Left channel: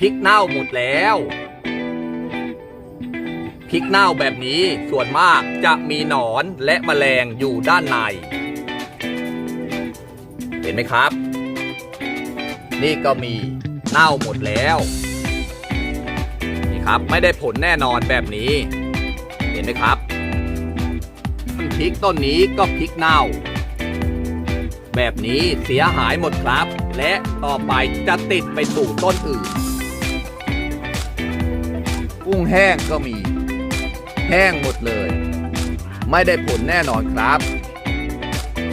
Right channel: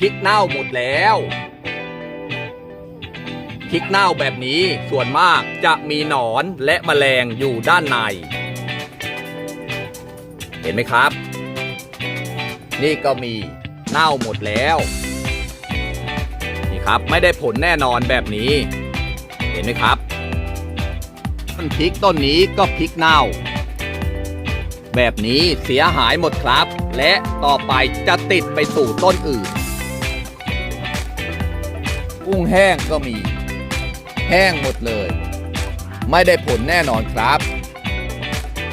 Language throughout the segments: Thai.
พริกเน่าหมดแล้วพริกเน่าแบบนี้ส่วนมากจะมีหนอนและแมลงอยู่ด้านใน เห็นไหมครับ นี่ก็มีเน่าหมดแล้ว นี่ครับไม่ได้ผลแน่นอนแบบนี้ เห็นไหมครับต้นพริกต้นนี้ก็พริกเน่า แบบนี้เสียหายหมดครับ และต่อไปจะติดไปสู่ต้นอื่น กุ้งแห้งก็มี แห้งหมดเลย ไม่ได้ผลแน่นอนครับ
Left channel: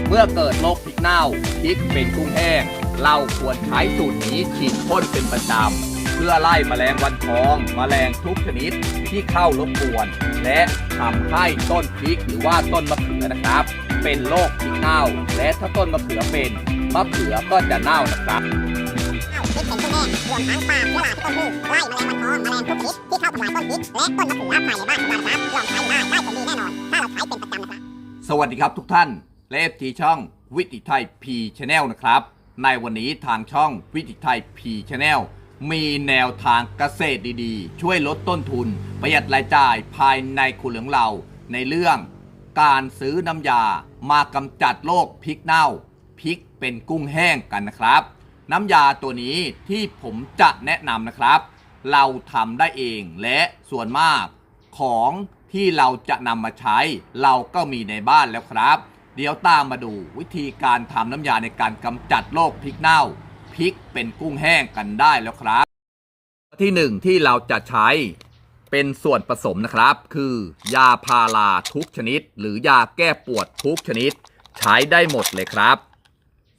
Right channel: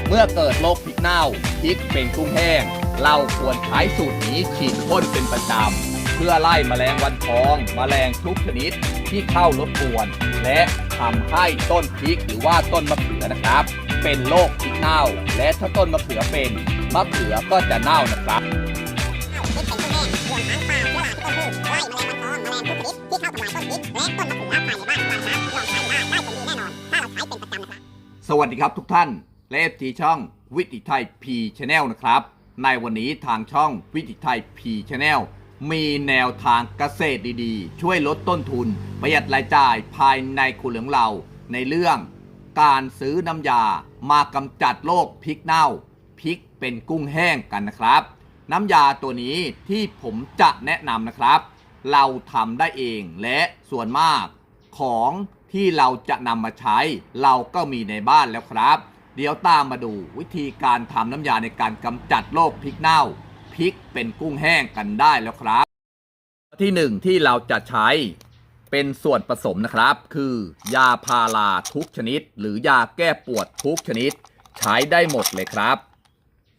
เมื่อเกิดโรคพริกเน่าพริกเป็นกุ้งแห้ง เราควรใช้สูตรนี้ฉีดพ่นเป็นประจำเพื่อไล่แมลงวันทองแมลงทุกชนิดที่เข้ารบกวน และทำให้ต้นพริกหรือว่าต้นมะเขือนะครับ เป็นโรคพริกเน่า และถ้าต้นมะเขือเป็นมะเขือก็จะเน่านะครับ รวมทั้งปลาเชื้อราที่ต้นพืชไล่แมลงวันทองแมลงทุกชนิดที่เข้าทำลายต้นพริกและต้นมะเขือภายในบ้านเรานะครับลองใช้ได้ได้ผลดีแน่นอน ถ้าเราใช้เป็นประจำนะครับ สวัสดีครับทุกท่านและเอฟทีช่องวิถีไทยพีชแนลนะครับ ในวันนี้ทางช่องวิถีไทยพีชแนลมีแนวทางเกษตรดีๆ ช่วยลดต้นทุน ประหยัดรายจ่ายภายในครัวเหลืองเรา ในเรื่องการซื้อน้ำยามากำจัดโรคพริกเน่าพริกเป็นกุ้งแห้งกันนะครับ น้ำยาตัวนี้ที่ผมจะแนะนำนะครับ เราทำได้เองและส่วนมากของที่เราจะนำมาใช้ เราก็มีในบ้านแล้วครับ เดี๋ยวตามมาดูวิธีการทำน้ำยาในการกำจัดโรคพริกเน่าพริกเป็นกุ้งแห้งกันได้แล้วครับ ที่หนึ่งที่เราจะใช้เป็นส่วนผสมนะครับ คือยาพาราทุกชนิด หรือยาแก้ปวดทุกชนิด ใช้ได้หมดเลยครับ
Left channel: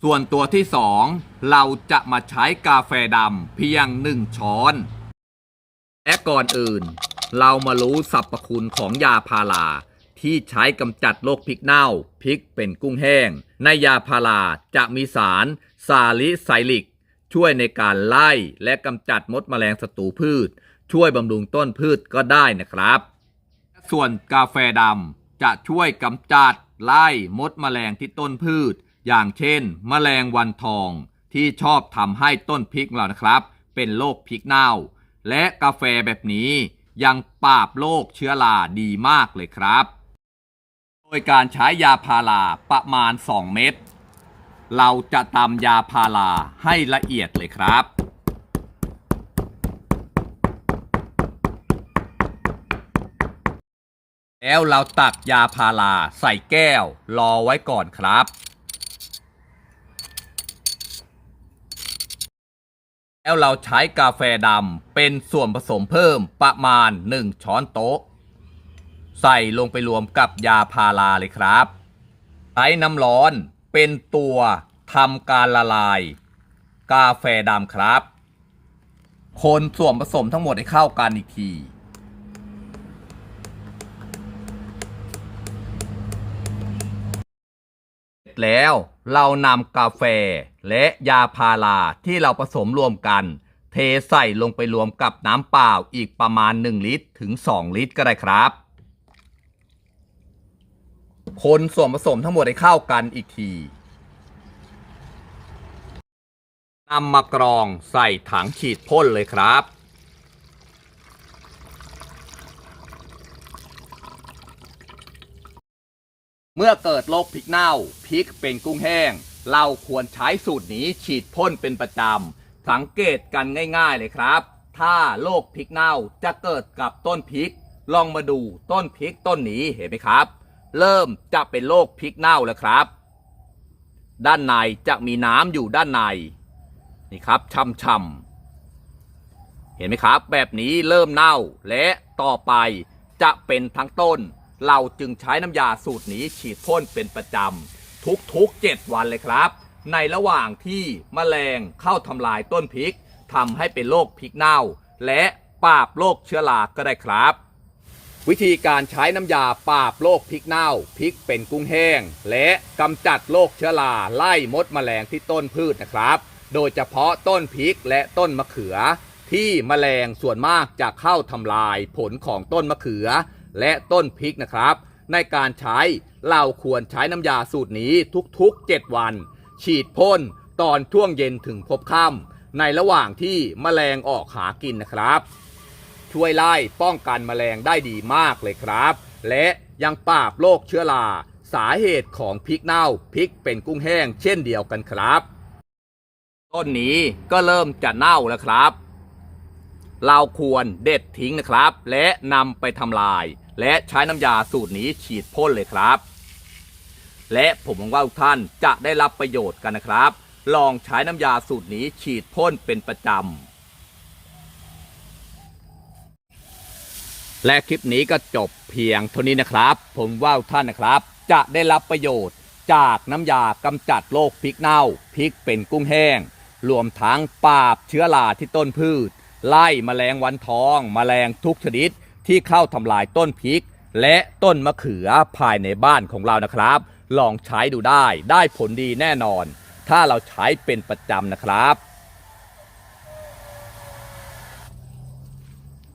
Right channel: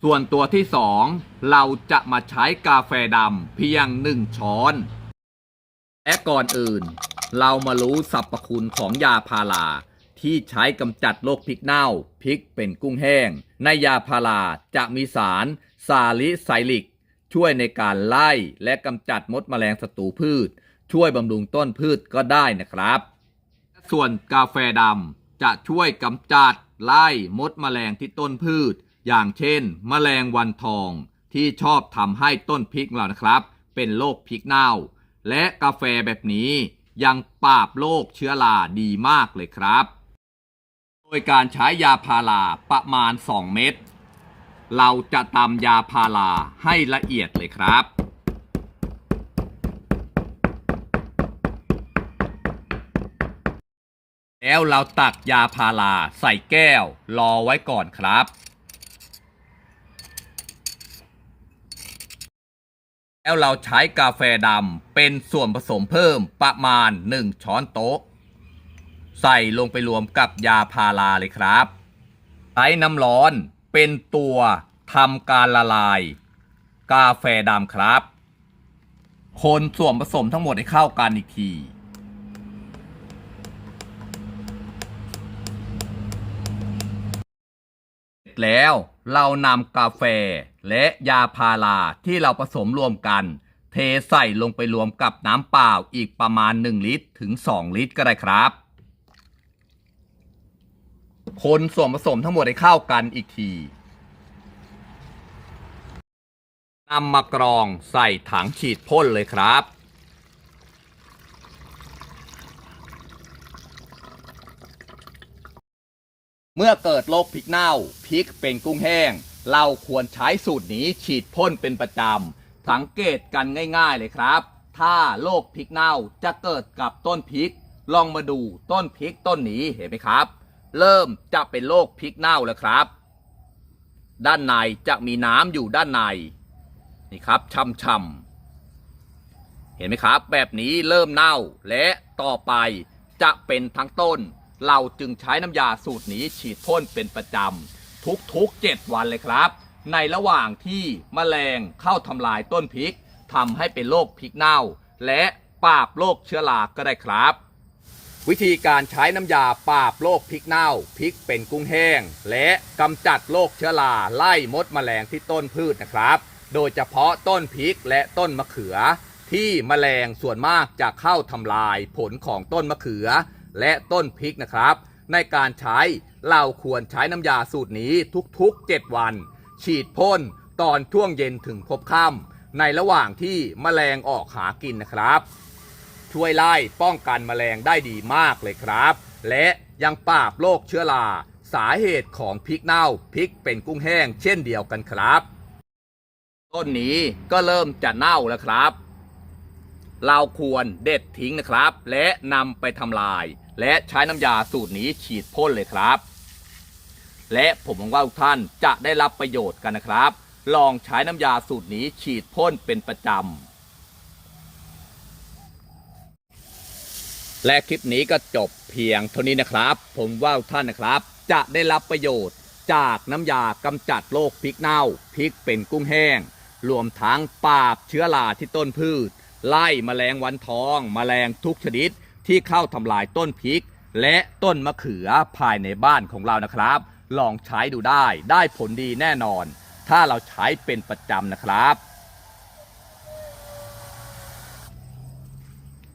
ส่วนตัวที่สองเราจะมาใช้กาแฟดำเพียงหนึ่งช้อนและก่อนอื่น เรามารู้สรรพคุณของยาพาราที่ใช้กำจัดโรคพริกเน่าพริกเป็นกุ้งแห้ง ในยาพาราจะมีสารซาลิไซลิก ช่วยในการไล่และกำจัดมดแมลงศัตรูพืช ช่วยบำรุงต้นพืชก็ได้นะครับ ส่วนกาแฟดำจะช่วยกำจัดไล่มดแมลงที่ต้นพืช อย่างเช่น แมลงวันทองที่ชอบทำให้ต้นพริกเรานะครับ เป็นโรคพริกเน่า และกาแฟแบบนี้ยังปราบโรคเชื้อราดีมากเลยครับ โดยการใช้ยาพาราประมาณ 2 เม็ดเราจะตำยาพาราให้ละเอียดเลยครับแล้วเราตักยาพาราใส่แก้วรอไว้ก่อนครับ แล้วเราใช้กาแฟดำเป็นส่วนผสมเพิ่มประมาณ 1 ช้อนโต๊ะ ใส่ลงไปรวมกับยาพาราเลยครับใช้น้ำร้อนเป็นตัวทำการละลาย กาแฟดำครับ คนส่วนผสมทั้งหมดให้เข้ากันอีกทีเสร็จแล้วเรานำกาแฟ และยาพาราที่เราผสมรวมกัน เทใส่ลงไปรวมกับน้ำเปล่าอีกประมาณ 1 ลิตรถึง 2 ลิตรก็ได้ครับ คนส่วนผสมทั้งหมดให้เข้ากันอีกทีนำมากรองใส่ถังฉีดพ่นเลยครับเมื่อเกิดโรคพริกเน่าพริกเป็นกุ้งแห้ง เราควรใช้สูตรนี้ฉีดพ่นเป็นประจำ สังเกตกันง่ายๆเลยครับ ถ้าโรคพริกเน่าจะเกิดกับต้นพริก ลองมาดูต้นพริกต้นนี้เห็นไหมครับ เริ่มจะเป็นโรคพริกเน่าแล้วครับ ด้านในจะมีน้ำอยู่ด้านใน นี่ครับช่ำๆเห็นไหมครับ แบบนี้เริ่มเน่าและต่อไปจะเป็นทั้งต้น เราจึงใช้น้ำยาสูตรนี้ฉีดพ่นเป็นประจำ ทุกๆ 7 วันเลยครับ ในระหว่างที่มแมลงเข้าทำลายต้นพริกทำให้เป็นโรคพริกเน่า และปราบโรคเชื้อราก็ได้ครับ วิธีการใช้น้ำยาปราบโรคพริกเน่าพริกเป็นกุ้งแห้ง และกำจัดโรคเชื้อราไล่มดแมลงที่ต้นพืชนะครับ โดยเฉพาะต้นพริกและต้นมะเขือ ที่แมลงส่วนมากจะเข้าทำลายผลของต้นมะเขือ และต้นพริกนะครับ ในการใช้เราควรใช้น้ำยาสูตรนี้ทุกๆ 7 วัน ฉีดพ่นตอนช่วงเย็นถึงพบค่ำในระหว่างที่แมลงออกหากินนะครับ ช่วยไล่ป้องกันแมลงได้ดีมากเลยครับ และยังปราบโรคเชื้อราสาเหตุของพริกเน่าพริกเป็นกุ้งแห้งเช่นเดียวกันครับ ต้นนี้ก็เริ่มจะเน่าแล้วครับ เราควรเด็ดทิ้งนะครับ และนำไปทำลาย และใช้น้ำยาสูตรนี้ฉีดพ่นเลยครับ และผมหวังว่าทุกท่านจะได้รับประโยชน์กันนะครับ ลองใช้น้ำยาสูตรนี้ฉีดพ่นเป็นประจำ และคลิปนี้ก็จบเพียงเท่านี้นะครับ ผมว่าทุกท่านนะครับ จะได้รับประโยชน์จากน้ำยากำจัดโรคพริกเน่าพริกเป็นกุ้งแห้ง รวมทั้งปราบเชื้อราที่ต้นพืช ไล่แมลงวันทองแมลงทุกชนิด ที่เข้าทำลายต้นพริก และต้นมะเขือภายในบ้านของเรานะครับ ลองใช้ดูได้ได้ผลดีแน่นอน ถ้าเราใช้เป็นประจำนะครับ